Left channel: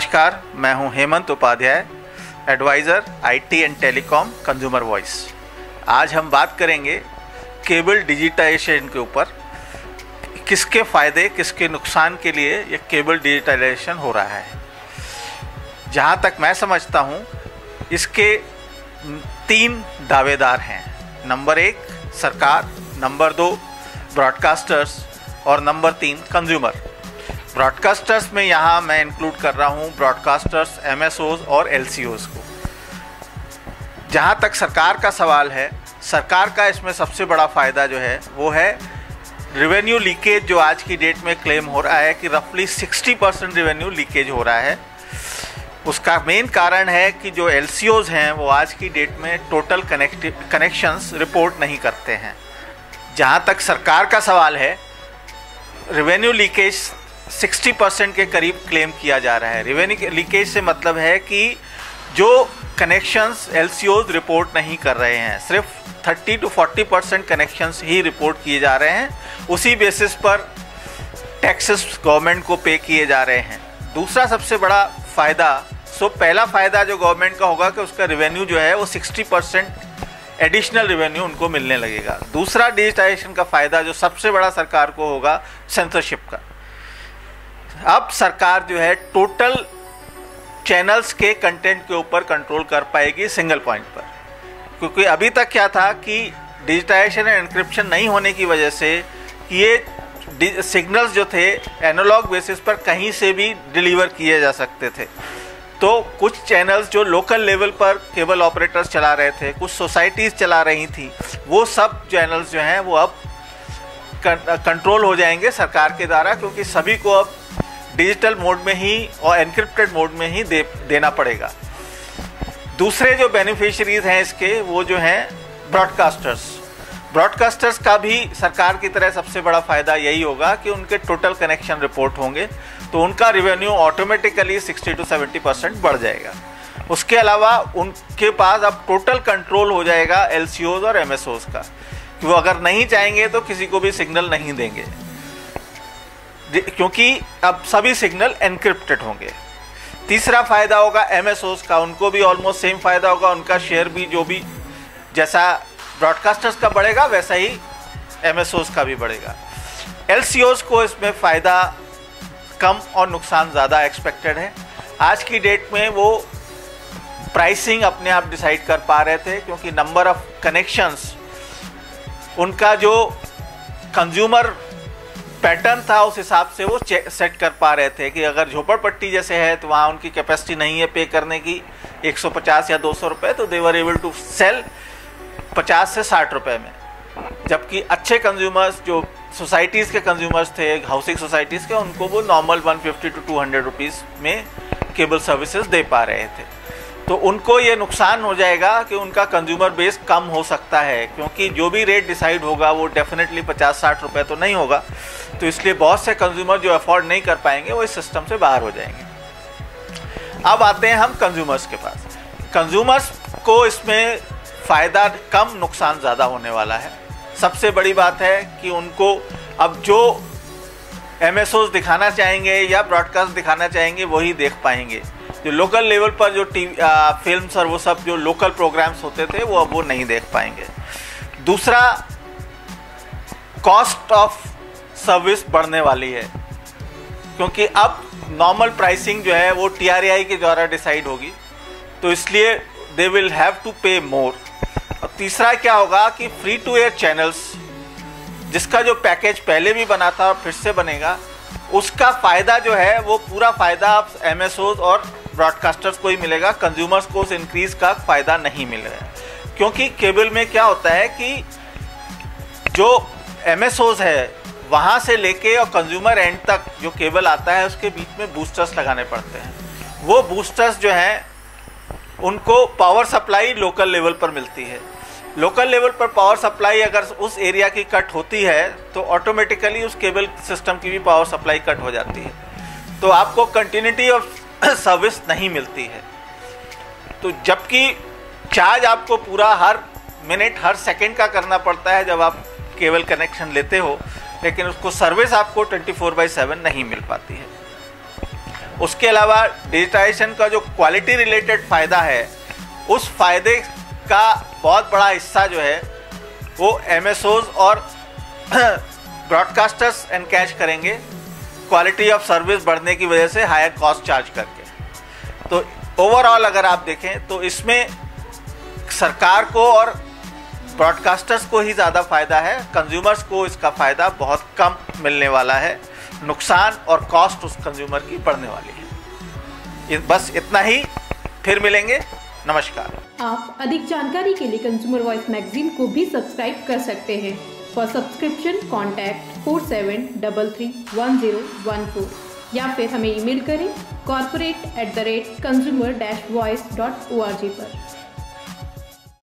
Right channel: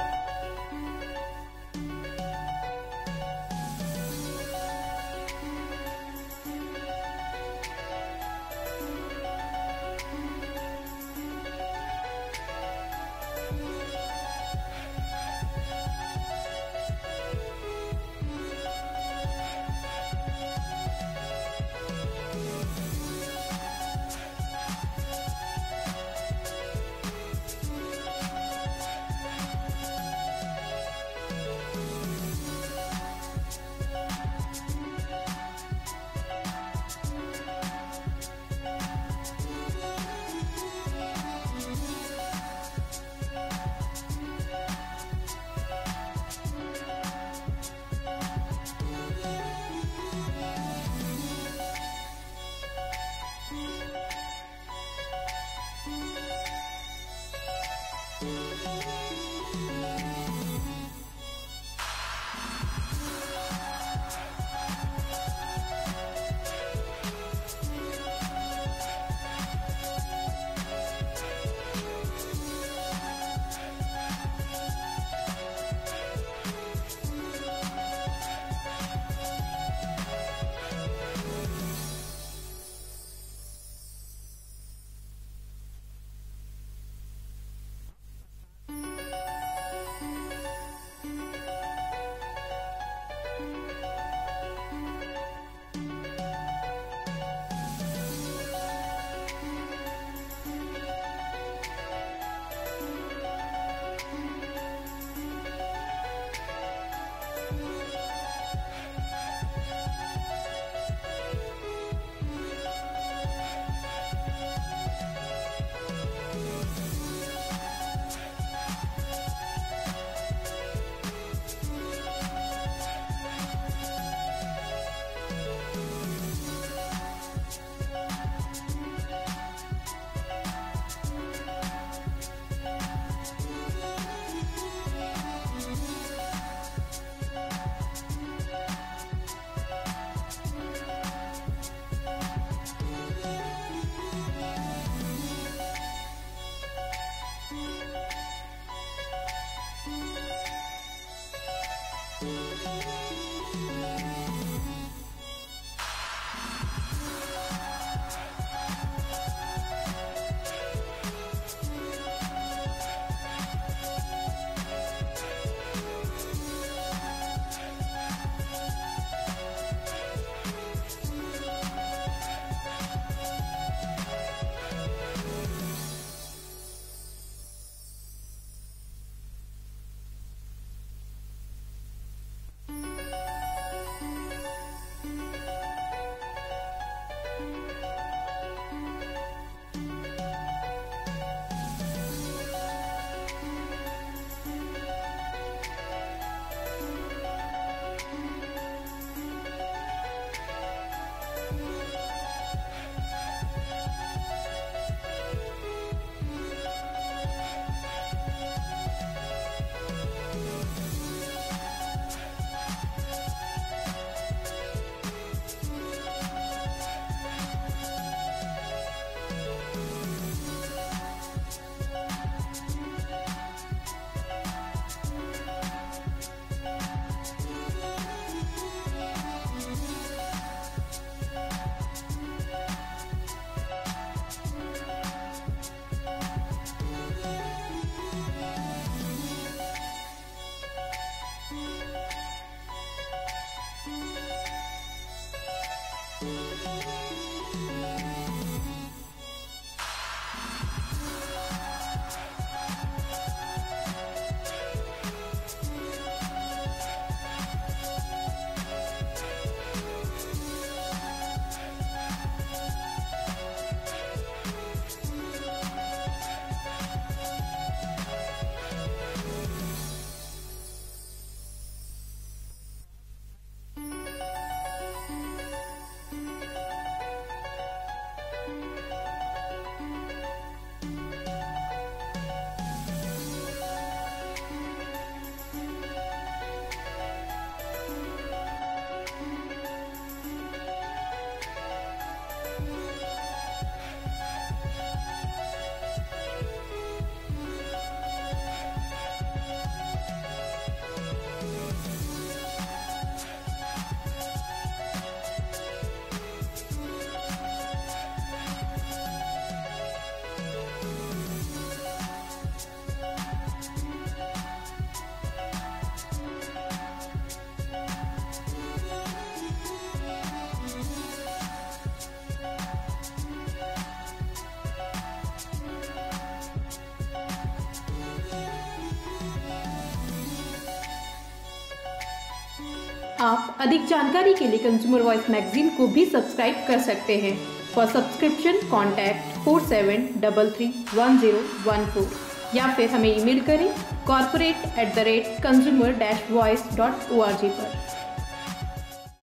नमस्कार, मैं हूं Hemant Upadhyay, adviser IT and telecom Consumer Voice. आज हम बात करेंगे केबल डिजिटाइजेशन के ऊपर। किसके फ़ायदे किसके नुकसान के लिए ये केबल डिजिटाइजेशन हो रहा है। जहां तक मैं समझता हूं, इसके 3 दावेदार हैं। नंबर 1 सरकार, नंबर 2 ब्रॉडकास्टर्स और नंबर 3 कंज्यूमर। ब्रॉडकास्टर्स में यहाँ मैं इंक्लूड कर रहा हूँ ब्रॉडकास्टर्स, एमएसओज और एलसीओज को। जहाँ तक सरकार का सवाल है, सरकार का इसमें सबसे बड़ा फ़ायदा जो है वो है रेवेन्यू लीकेज। जो आज की डेट में क्लेम हो रहा है कि रफली 60% रेवेन्यू लीकेज हो रहा है। उसका मेन कारण है कि जो एलसीओज हैं वो आज की डेट में टोटल कनेक्शंस रिपोर्ट नहीं करते हैं। जहाँ तक सरकार का सवाल है, रेवेन्यू लीकेज 60% के करीब क्लेम किया जा रहा है। रेवेन्यू लीकेज से मतलब है कि जो कनेक्शंस एलसीओज रिपोर्ट नहीं कर रहे हैं, सिर्फ 30 to 40% कनेक्शंस ही रिपोर्ट किए जा रहे हैं। उसी बेसिस पर टैक्सेस गवर्नमेंट को पे किए जा रहे हैं। दूसरा सबसे बड़ा फ़ायदा, पहला फ़ायदा जो गवर्नमेंट का होगा कि उसका रेवेन्यू जो है वो 60% एडिशनल रेवेन्यू उनको मिलने लगेगा। दूसरा डिजिटाइजेशन का फ़ायदा जो सबसे बड़ा सरकार को होगा, सेंसरशिप का। अब सरकार जो है टोटल चैनल्स के कंटेंट के ऊपर कंट्रोल कर पाएगी सिंगल पॉइंट पर। क्योंकि अभी तक क्या था कि डिजिटाइजेशन एंड एन्क्रिप्शन नहीं होने की वजह से ये सिग्नल्स जो थे एनालॉग बेसिस पर कहीं से भी डिलीवर किए जा सकते थे। तो कुछ चैनल्स जो लोकल लेवल पर केबल ऑपरेटर्स चला रहे थे, कुछ सोसाइटीज़ चला रही थी, वो सब चैनल्स जो हैं वो अब कंट्रोल हो जाएंगे सरकार के द्वारा, क्योंकि सभी को अब डिजिटल मोड में ही और एनक्रिप्टेड मोड में ही देना पड़ेगा। दूसरे जो बेनिफिशियरीज हैं इसके, वो जो हैं ब्रॉडकास्टर्स का भी सरकार की तरह सबसे बड़ा फ़ायदा यही होगा कि उनके टोटल कनेक्शन रिपोर्ट होंगे, तो उनका रेवेन्यू ऑटोमेटिकली 60 to 70% बढ़ जाएगा। उसके अलावा उनके पास अब टोटल कंट्रोल हो जाएगा एलसीओज और एमएसओज का। वो अगर नहीं चाहेंगे तो किसी को भी सिग्नल नहीं देंगे, क्योंकि अब सभी सिग्नल एनक्रिप्टेड होंगे। तीसरा फ़ायदा होगा एमएसओज का, उनको भी ऑलमोस्ट सेम फ़ायदा होगा। उनका शेयर भी जो भी जैसा ब्रॉडकास्टर्स का बढ़ेगा वैसा ही एमएसओज का भी बढ़ेगा। एलसीओज को इसमें फ़ायदा कम और नुकसान ज़्यादा एक्सपेक्टेड है। आज की डेट में वो प्राइसिंग अपने आप डिसाइड कर पा रहे थे, क्योंकि नंबर ऑफ कनेक्शंस, उनका जो कंज्यूमर पैटर्न था उस हिसाब से वो सेट कर पा रहे थे कि अगर झोपड़पट्टी जैसे है तो वहाँ उनकी कैपेसिटी नहीं है पे करने की 150 या 200 रुपये, तो दे वर एबल टू सेल 50 से 60 रुपये में। जबकि अच्छे कंज्यूमर्स जो सोसाइटीज़ के कंज्यूमर्स थे, हाउसिंग सोसाइटीज़ के, उनको वो नॉर्मल 150 to 200 रुपीज़ में केबल सर्विसेज दे पा रहे थे। तो उनको ये नुकसान हो जाएगा कि उनका कंज्यूमर बेस कम हो सकता है, क्योंकि जो भी रेट डिसाइड होगा वो डेफिनेटली 50-60 रुपये तो नहीं होगा। तो इसलिए बहुत से कंज्यूमर जो अफोर्ड नहीं कर पाएंगे वो इस सिस्टम से बाहर हो जाएंगे। अब आते हैं हम कंज्यूमर्स के पास। कंज्यूमर्स को इसमें फ़ायदा कम, नुकसान ज़्यादा होने वाला है। सबसे बड़ी बात है कि उनको अब जो एमएसओज दिखाना चाहेंगे या ब्रॉडकास्ट दिखाना चाहेंगे वही देख पाएंगे। जो लोकल लेवल पर जो फिल्म्स और वो सब जो लोकल प्रोग्राम्स होते थे वो अब वो नहीं देख पाएंगे। दूसरा, कॉस्ट ऑफ सर्विस बढ़ने वाली है, क्योंकि अब नॉर्मल प्राइसिंग जो है वो TRAI के द्वारा डिसाइड होगी, तो इसलिए दे विल हैव टू पे मोर। और तीसरा क्या होगा कि फ्री टू एयर चैनल्स, जिसका जो पैकेज पहले भी बना था और फिर से बनेगा, उसका फ़ायदा जो है वो पूरा फ़ायदा अब एमएसओज और ब्रॉडकास्टर्स को ही मिलेगा। कंज्यूमर्स को उस इंक्रीज़ का फ़ायदा नहीं मिल रहा है, क्योंकि केबल में क्या होता है कि जो एमएसओज है वहाँ से लेके और कंज्यूमर एंड तक जो केबल आता है उसके बीच में बूस्टर्स लगाने पड़ते हैं। वो बूस्टर्स जो हैं उनको पावर सप्लाई लोकल लेवल पर मिलती है। लोकल लेवल पर पावर सप्लाई अगर उस एरिया की कट होती है तो ऑटोमेटिकली उस केबल सिस्टम की भी पावर सप्लाई कट हो जाती है, तो आपको कंटिन्यूटी ऑफ सर्विस नहीं मिलती है। तो जबकि चार्ज आपको पूरा हर मिनट हर सेकंड का करना पड़ता है जब आप केबल कनेक्शन लेते हो, लेकिन उसको सर्विस आपको 24/7 नहीं मिल पाती है। उसके अलावा डिजिटाइजेशन का जो क्वालिटी रिलेटेड फ़ायदा है, उस फायदे का बहुत बड़ा हिस्सा जो है वो एमएसओज और ब्रॉडकास्टर्स एनकैश करेंगे क्वालिटी ऑफ सर्विस बढ़ने की वजह से हायर कॉस्ट चार्ज करके। तो ओवरऑल अगर आप देखें तो इसमें सरकार को और ब्रॉडकास्टर्स को ही ज़्यादा फ़ायदा है, कंज्यूमर्स को इसका फ़ायदा बहुत कम मिलने वाला है, नुकसान और कॉस्ट उस कंज्यूमर की बढ़ने वाली है। बस इतना ही, फिर मिलेंगे, नमस्कार। आप अधिक जानकारी के लिए कंज्यूमर वॉइस मैगजीन को भी सब्सक्राइब कर सकते हैं। फॉर सब्सक्रिप्शन कॉन्टैक्ट 47331014 या फिर हमें ईमेल करें corporate@consumer-voice.org पर।